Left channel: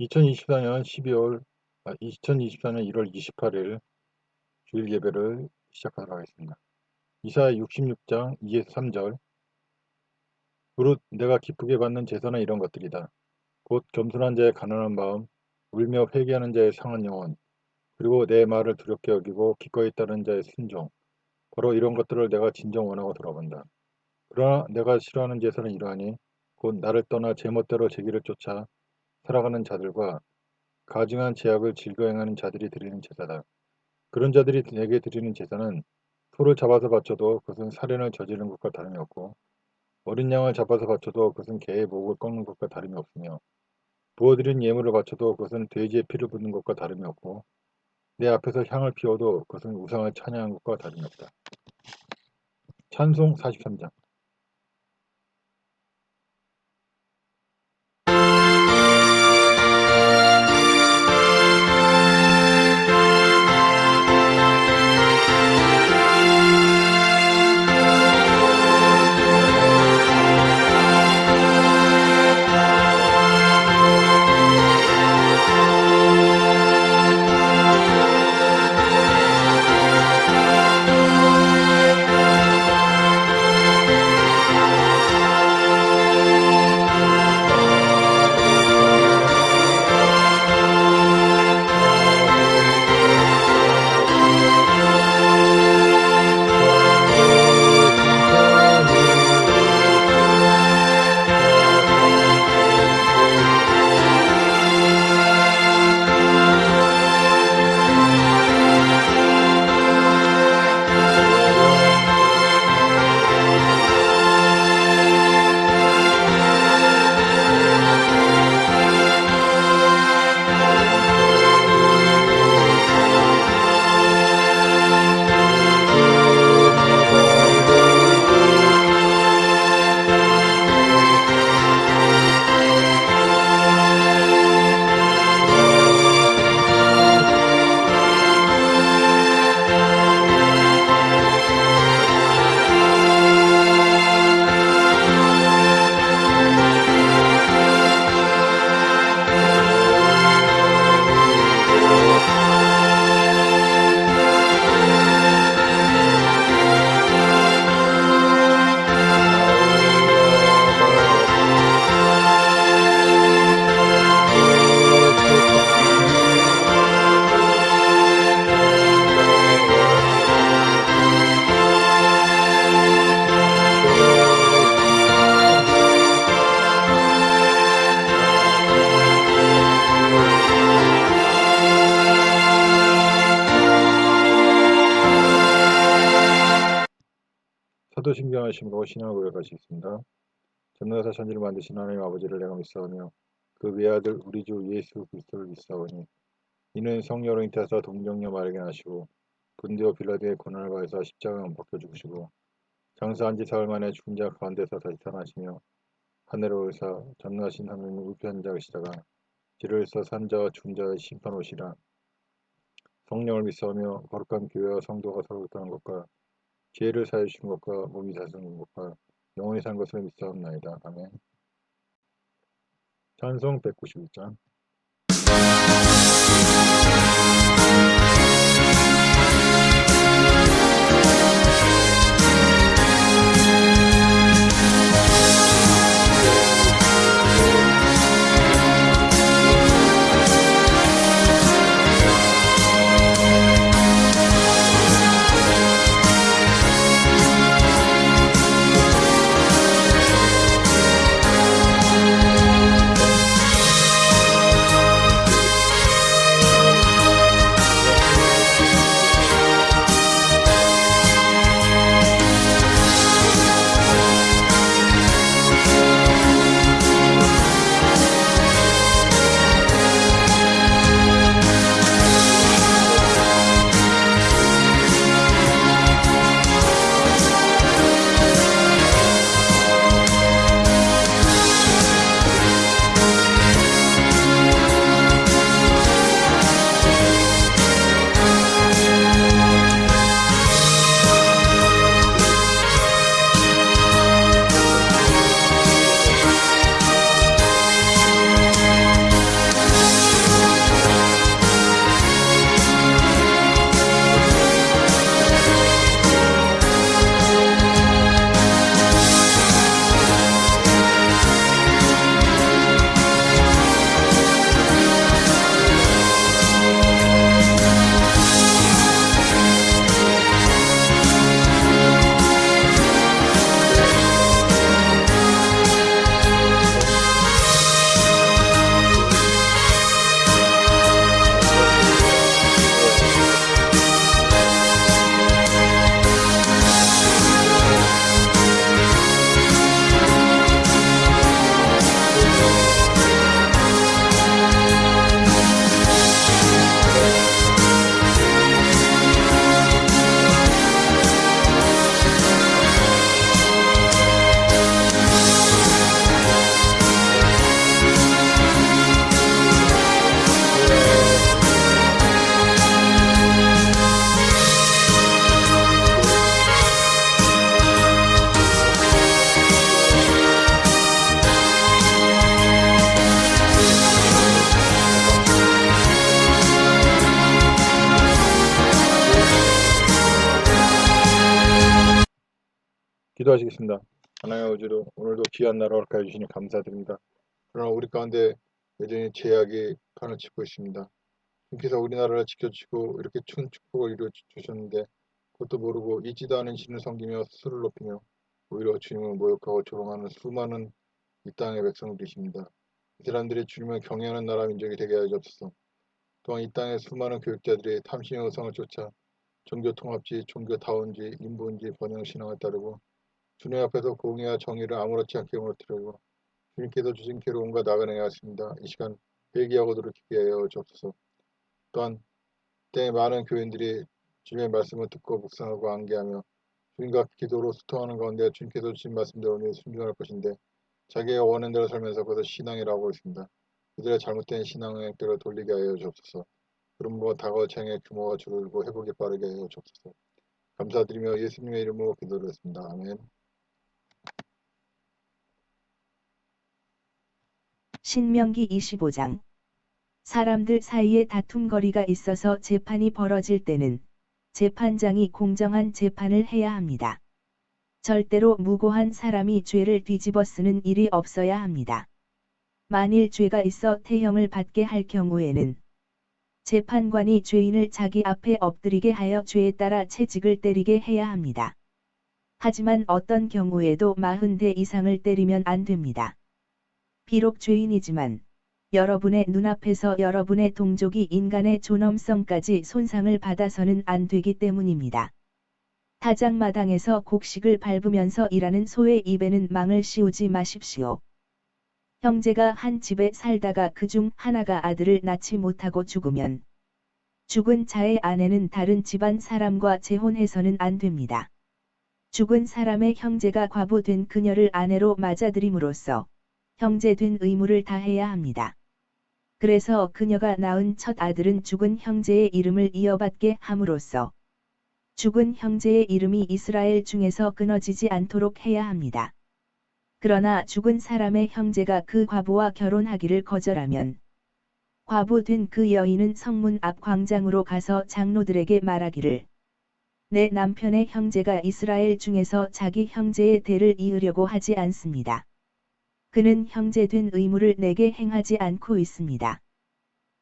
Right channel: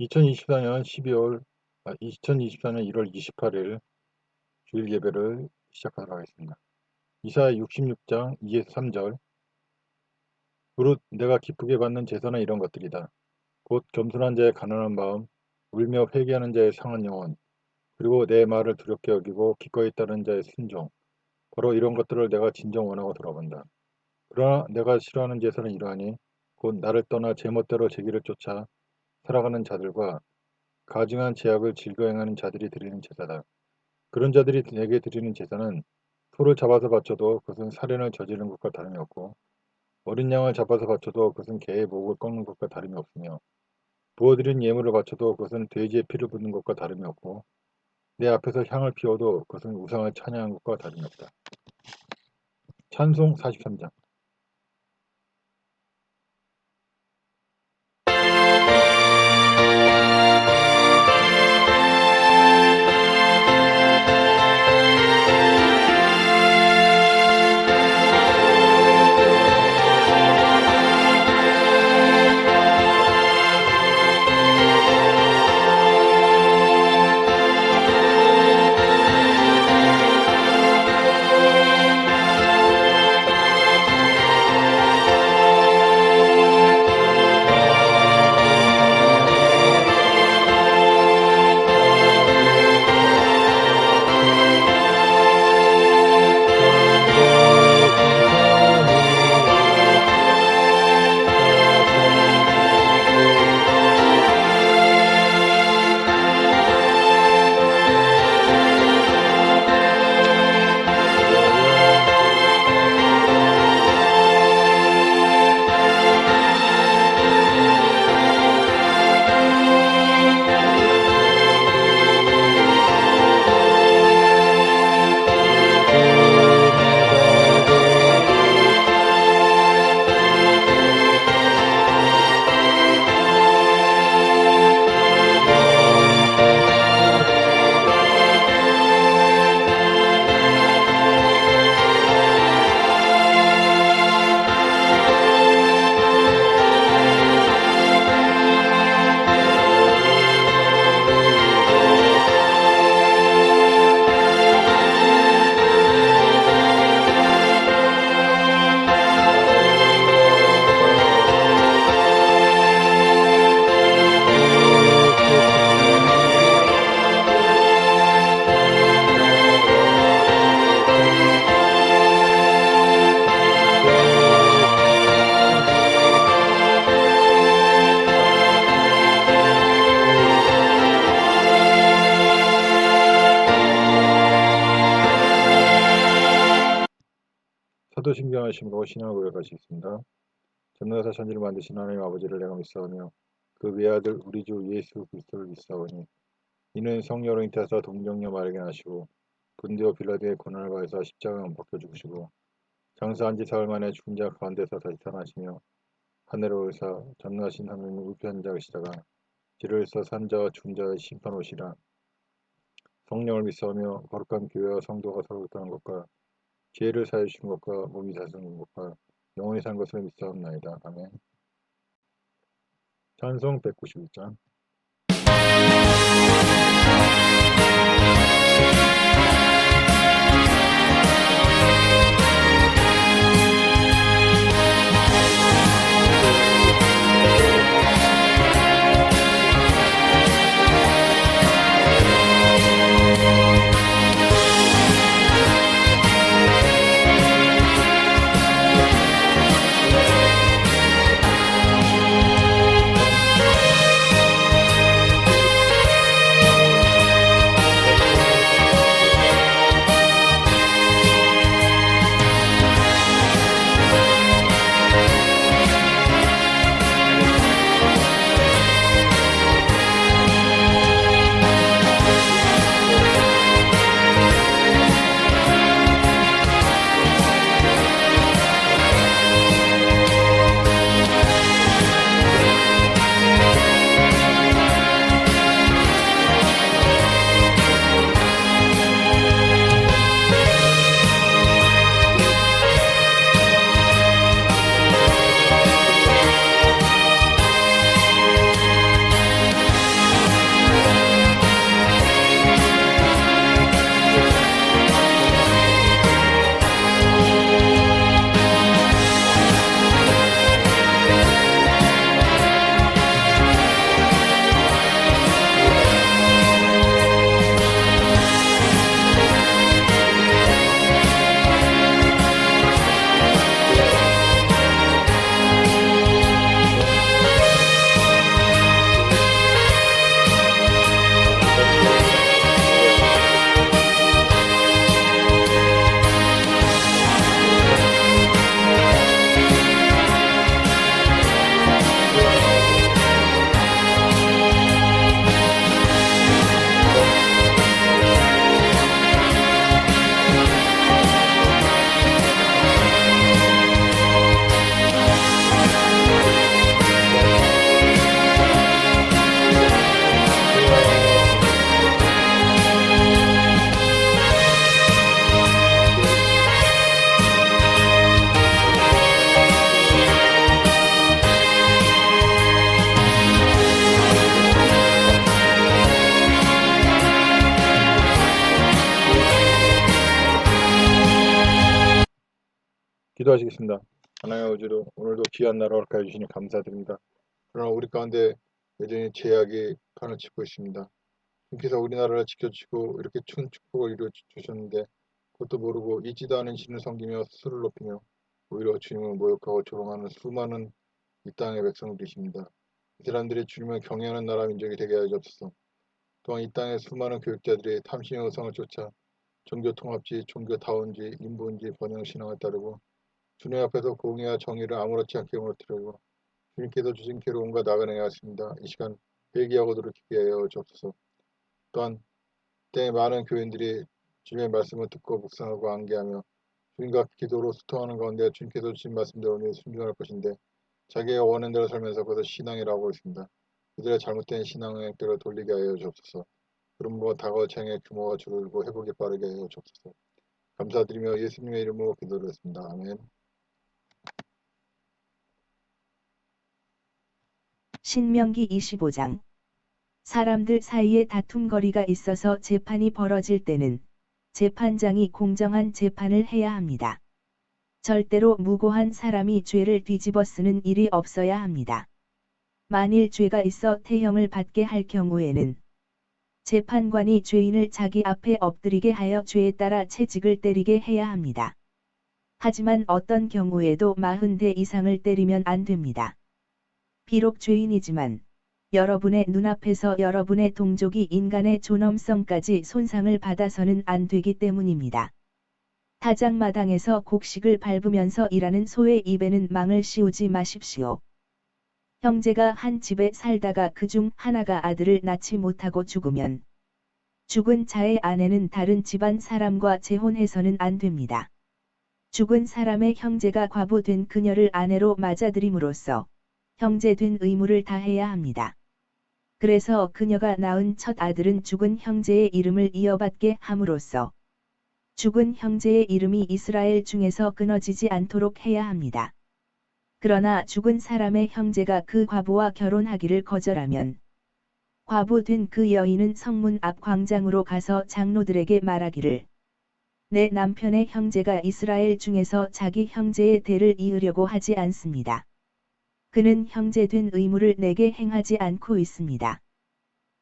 2024년 1월 28일 주일 예배를 시작하도록 하겠습니다. 이사야 66장 2에서 3절. 무릇 내가 기쁘게 받는 제사는 이런 것들이다. 곧 겸손한 자의 가난한 마음, 울며 회개하는 자의 상한 영혼, 그리고 내 말을 두렵게 여기고 기꺼이 따르는 자의 순종. 바로 이런 것들을 내가 진정 원하고 돌아본다. 그러나 내가 싫어하는 제사는 이러하니 곧 나를 떠나 제멋대로 제 길을 쫓아 살아가는 자들과 가증한 죄악을 즐겨 행하는 자들이 드리는 제사다. 그런 자들이 내게 드리는 제사는 소를 잡아서 바쳐도 그것은 살인을 저지르는 것과 다름이 없고 어린 양을 잡아서 바쳐도 그것은 개의 목을 꺾는 것과 다름이 없으며 부어드린 예물을 바쳐도 그것은 돼지의 피를 붓는 것과 다름이 없고 내 앞에서 향을 피워도 그것은 우상을 찬양한 것과 다름이 없다. 찬송 43장. 사도신경 하심으로 신앙을 고백하시겠습니다. 전능하사 천지를 만드신 하나님 아버지를 내가 믿사오며 그 외아들 우리 주 예수 그리스도를 믿사오니 이는 성령으로 잉태하사 동정녀 마리아에게 나시고 본디오 빌라도의 고난을 받으사 십자가에 못 박혀 죽으시고 장사한 지 사흘 만에 죽은 자 가운데서 다시 살아나시며 하늘로 오르사 전능하신 하나님 우편한 자 계시다가 지를 산 자와 죽은 자의 심판 오시라. 성령을 믿사오며 거룩한 교회와 성도가 서로 교통하는 것과 죄를 사해 주신 것과 몸이 다스리는 것과 영원히 산 것을 믿사옵나이다. 아멘. 찬송 191장. 기도하시겠습니다. 하나님의 아버지로 오늘도 귀한 나라 허락하여 주시니 감사드립니다. 그러나 우리 가운데 여전히 죄악이 판을 치고 있습니다. 주께서 우리나라를 지켜주시고 이렇게 큰 축복을 이루어 주셨는데 그것도 모르고 잊지도 않은 신을 섬기며 스스로를 높이며 오히려 주님을 모욕하고 조롱하는 수많은 이 땅의 백성들이십니다. 이 사람들이 주님을 경외하는 나라 민족이 되게 하여 주옵소서. 또한 이 땅의 수많은 교육자들이 탐심의 의상을 쫓아 종교통합주의, 종교다원주의, 인본주의 번영신앙을 따르고 주님 앞에서 공의와 정의를 아무렇지 않게 무너뜨리고 주님께서 주신 길을 온갖 나그네 하였습니다. 이 시간 회개하고 돌이키게 하여 주옵소서. 또한 때에 많은 교인들이 주님의 말씀을 듣고 묵상하고 암기하며 주님과 기도로 소통하는 가운데 주님께서 주신 말씀대로 순종할 것인데 자기가 원하는 대로 살면서 그것을 신앙이라고 하고 있습니다. 그들의 잘못된 신앙의 길을 돌리게 하여 주옵소서. 그러므로 다가올 창의 규모가 줄고 회복이 빠르게 하여 주옵소서. 감사드리며 예수님의 이름으로 기도드렸습니다. 아멘. 신명기 25장. 사람들 사이에 다툼거리가 있어서 재판이 벌어질 때는 재판장이 공정한 재판을 해야 합니다. 절대로 무고한 사람이 죄를 뒤집어 쓰는 일이 없어야 합니다. 만일 죄가 있어 태형을 받게 할 경우에는 재판관이 죄인을 자기 앞에 엎드리게 하여 죄에 따라 채찍을 때리게 해야 합니다. 하지만 어떤 경우에도 40대 이상을 때리면 안 됩니다. 비록 죄인이지만 여러분의 눈앞에서 여러분의 동족이 인간의 존엄성까지 손상을 받아서는 안 되기 때문입니다. 타작마당에서 곡식을 밟으면서 일하는 소의 입에는 망을 씌우지 마십시오. 형제가 한 집에 살다가 그중 하나가 아들을 낳지 못하고 죽으면 죽은 자의 아내는 다른 집안 사람과 재혼해서는 안 됩니다. 죽은 사람의 형제가 과부된 그녀를 아내로 맞아들임으로써 형제된 의무를 다해야 합니다. 그래서 그녀가 낳은 첫 아들은 죽은 형제의 이름을 이어받게 함으로써 죽은 형제의 이름이 이스라엘 중에서 끊어지지 않도록 해야 합니다. 그러나 죽은 사람의 형제가 그 과부와 결혼하기를 거절하면 과부된 그 여인은 성문 앞 광장으로 가서 장로들에게 말하기를 내 남편의 형제가 이스라엘 중에서 자기 형제의 대를 이으려고 하지 않습니다. 그는 형제된 의무를 내게 행하지 않고 있습니다.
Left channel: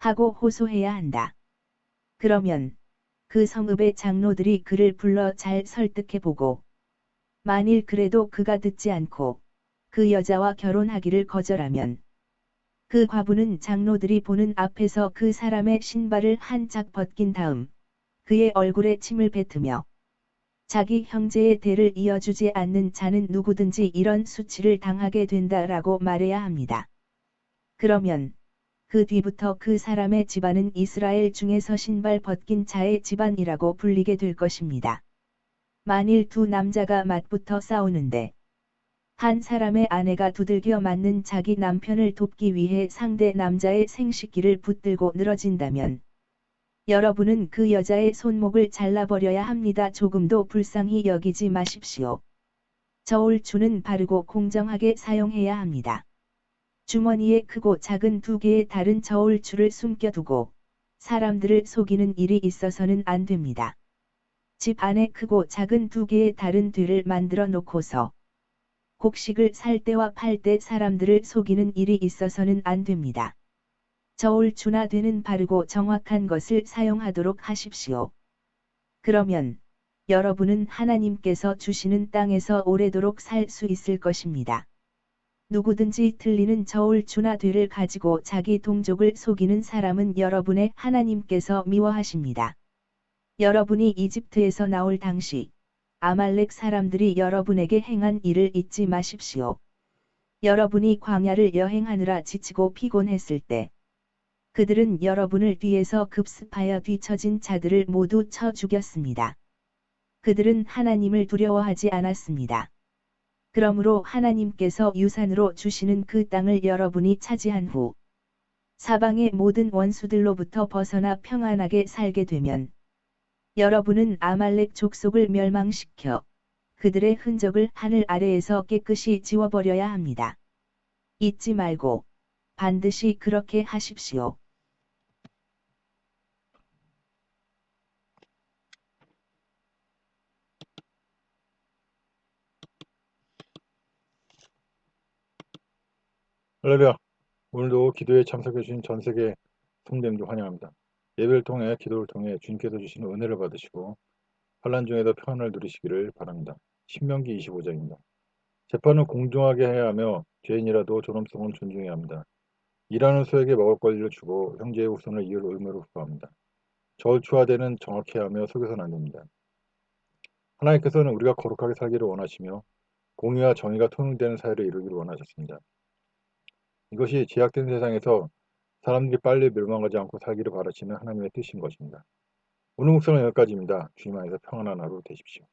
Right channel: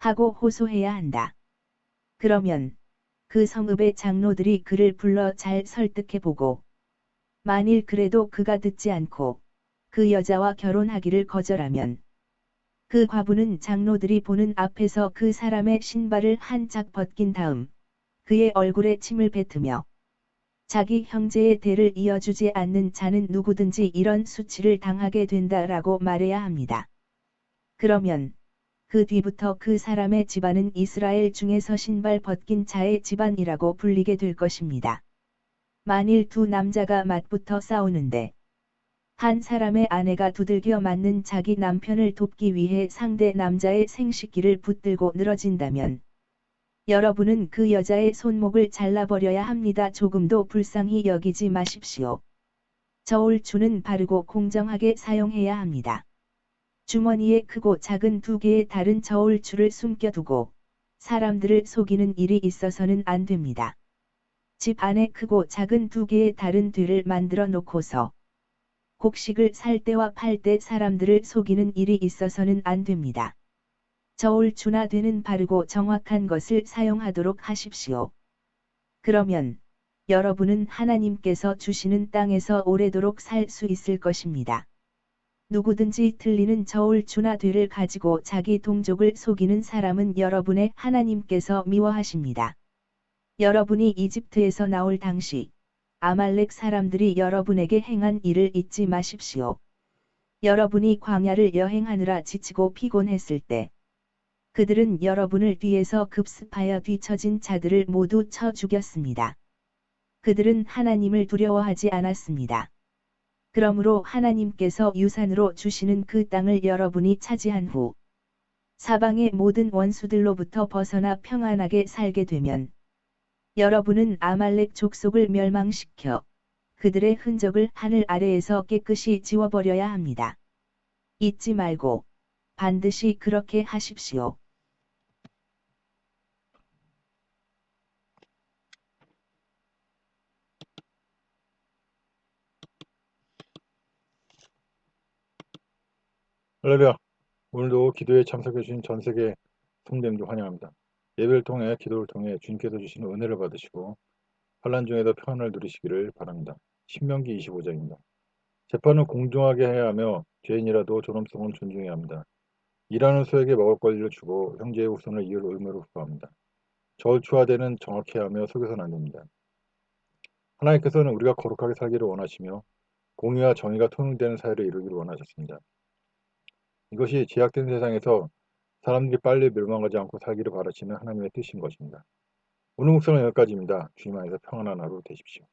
하고 호소해야 한다. 그러면 그 성읍의 장로들이 그를 불러 잘 설득해보고 만일 그래도 그가 듣지 않고 그 여자와 결혼하기를 거절하면 그 과부는 장로들이 보는 앞에서 그 사람의 신발을 한 짝 벗긴 다음 그의 얼굴에 침을 뱉으며 자기 형제의 대를 이어주지 않는 자는 누구든지 이런 수치를 당하게 된다라고 말해야 합니다. 그러면 그 뒤부터 그 사람의 집안은 이스라엘 중에서 신발 벗긴 자의 집안이라고 불리게 될 것입니다. 만일 두 남자가 맞붙어 싸우는데 한 사람의 아내가 두들겨 맞는 자기 남편을 돕기 위해 상대 남자의 생식기를 붙들고 늘어진다면 여러분은 그 여자의 손목을 잘라버려야 합니다. 조금도 불쌍히 여기지 마십시오. 저울추는 바르고 공정하게 사용해야 합니다. 주머니에 크고 작은 두 개의 다른 저울추를 숨겨두고 사람들을 속이는 일이 있어서는 안 됩니다. 집 안에 크고 작은 두 개의 다른 뒤를 만들어 놓고서 곡식을 살 때와 팔 때 사람들을 속이는 일이 있어서는 안 됩니다. 저울추나 되는 바르고 정확한 것을 사용하도록 하십시오. 그러면 여러분은 하나님께서 주시는 땅에서 오래도록 살 수 있을 것입니다. 누구든지 틀리는 저울추나 되를 가지고 자기 동족을 속이는 사람은 여러분의 하나님께서 미워하십니다. 여러분이 이집트에서 나올 당시 아말렉 사람들이 여러분에게 행한 일을 잊지 마십시오. 여러분이 광야를 여행하느라 지치고 피곤했을 때 그들은 여러분을 뒤에서 급습하여 뒤처진 자들을 모두 쳐 죽였습니다. 그들은 하나님을 두려워하지 않았습니다. 그러므로 하나님께서 유산으로 주시는 그 땅을 여러분이 차지한 후 사방의 모든 원수들로부터 벗어나 평안하게 살게 되면 여러분은 아말렉 족속을 멸망시켜 그들의 흔적을 하늘 아래에서 깨끗이 지워버려야 합니다. 잊지 말고 반드시 그렇게 하십시오. 할렐루야. 오늘도 기도에 참석해 주신 전 세계 성도님들 환영합니다. 예배를 통해 기도를 통해 주님께서 주시는 은혜를 받으시고 환난 중에도 평안을 누리시기를 바랍니다. 신명기 25장입니다. 재판은 공정하게 해야 하며 죄인이라도 존엄성은 존중해야 합니다. 일하는 소에게 먹을 권리를 주고 형제의 후손을 이을 의무로 부합니다. 저울추화되는 정확해야 하며 속여서는 안 됩니다. 하나님께서는 우리가 거룩하게 살기를 원하시며 공의와 정의가 통용되는 사회를 이루기를 원하셨습니다. 이것이 제약된 세상에서 사람들이 빨리 멸망하지 않고 살기를 바라시는 하나님의 뜻인 것입니다. 오늘 묵상은 여기까지입니다. 주님 안에서 평안한 하루 되십시오.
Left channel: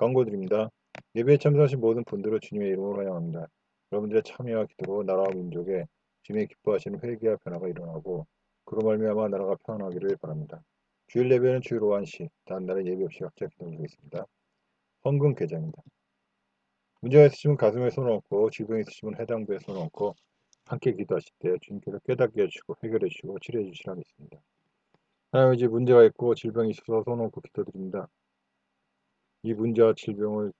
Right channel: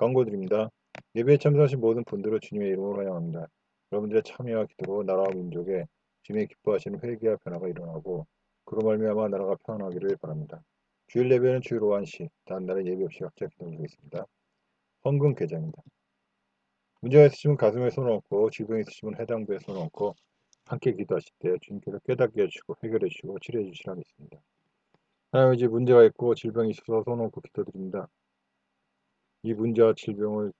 광고드립니다. 예배에 참석하신 모든 분들을 주님의 이름으로 환영합니다. 여러분들의 참여와 기도로 나라와 민족에 주님의 기뻐하시는 회개와 변화가 일어나고 그로 말미암아 나라가 평안하기를 바랍니다. 주일 예배는 주일 오후 1시, 다음 날은 예배 없이 각자 기도드리고 있습니다. 헌금 계좌입니다. 문제가 있으시면 가슴에 손을 얹고 질병이 있으시면 해당부에 손을 얹고 함께 기도하실 때 주님께서 깨닫게 해주시고 해결해 주시고 치료해 주시라 믿습니다. 하나님 이제 문제가 있고 질병이 있어서 손 놓고 기도드립니다. 이 문제와 질병을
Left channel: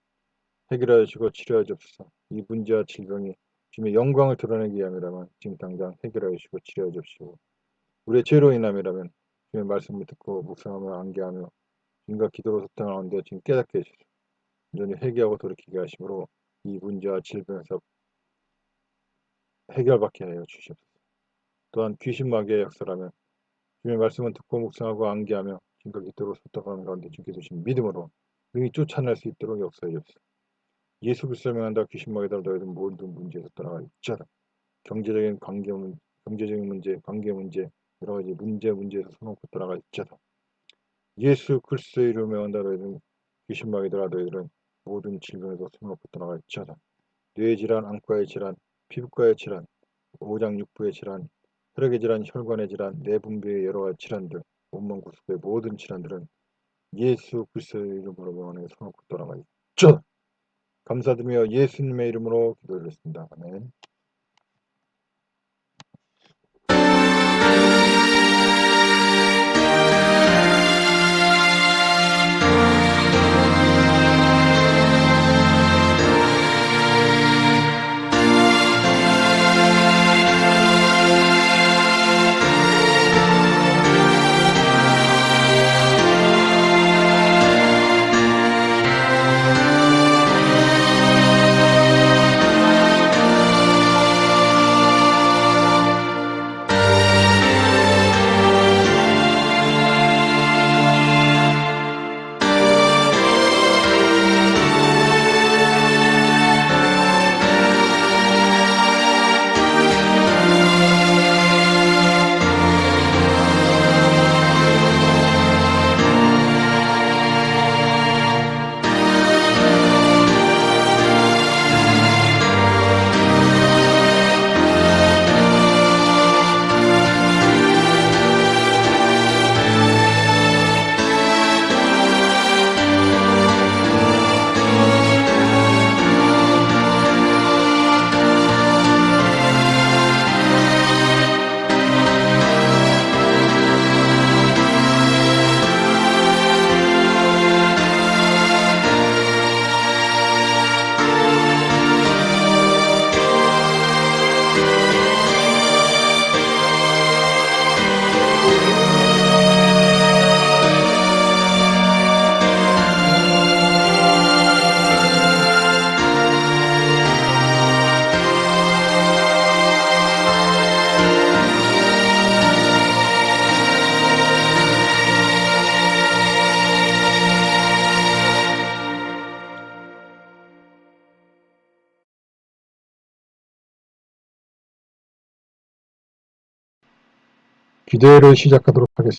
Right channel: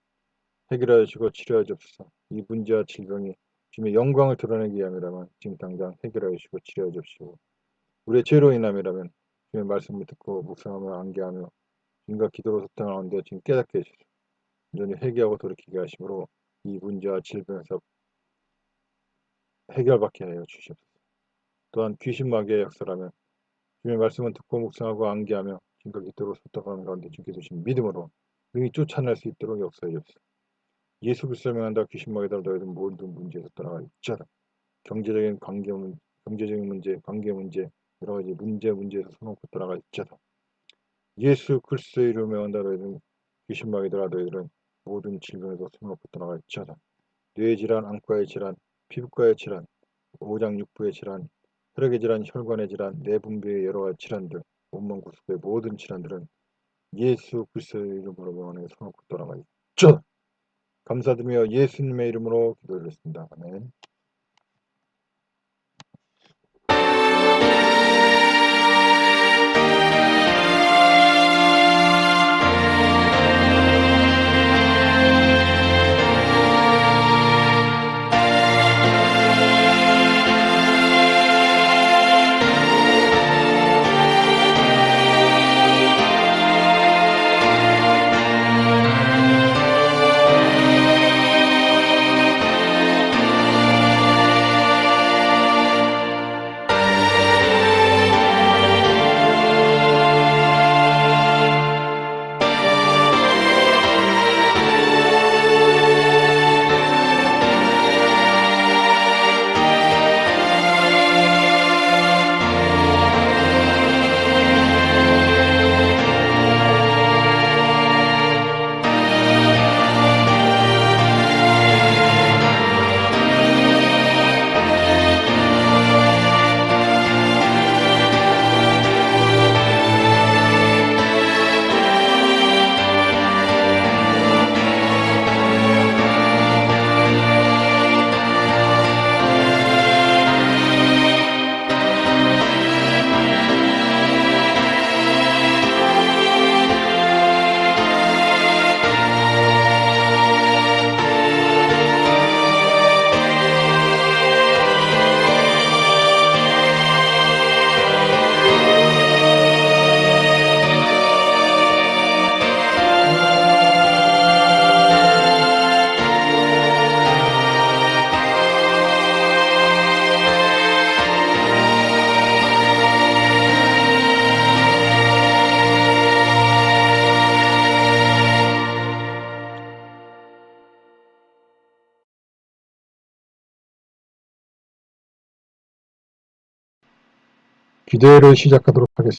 해결하여 주시고 치료하여 주옵소서. 이 문제와 질병이 주님의 영광을 드러내기 위함이라면 지금 당장 해결하여 주시고 치료하여 주옵시고 우리의 죄로 인함이라면 주님의 말씀을 듣고 묵상하며 암기하며 주님과 기도로 소통하는 가운데 지금 깨닫게 해주시고 온전히 회개하고 돌이키게 하심으로 이 문제와 질병에서 해결받게 하여 주시옵소서. 또한 귀신 마귀의 역사라면 주님의 말씀을 듣고 묵상하고 암기하며 주님과 기도로 소통하는 가운데 주님께 주신 믿음으로 능히 쫓아낼 수 있도록 역사해 주옵소서. 예수 그리스도를 명한다 귀신 마귀들아 너희들 모든 문제에서 떠나갈지어다. 경제적인 문제, 관계 문제, 여러 가지 문제에서 손놓고 떠나갈지어다. 예수 그리스도의 이름을 명한다 너희들은 귀신 마귀들아 너희들은 모든 질병에서 손놓고 떠나갈지어다. 뇌의 질환, 안과의 질환, 피부과의 질환, 오장육부의 질환, 혈액의 질환, 혈관의 질환, 내분비의 여러 가지 질환들, 온몸 구속의 모든 질환들은 예수 그리스도의 이름으로 명하여 손놓고 떠나갈지어다. 감사드리며 예수님의 이름으로 기도드렸습니다. 아멘. 기도를 시작하도록 하겠습니다.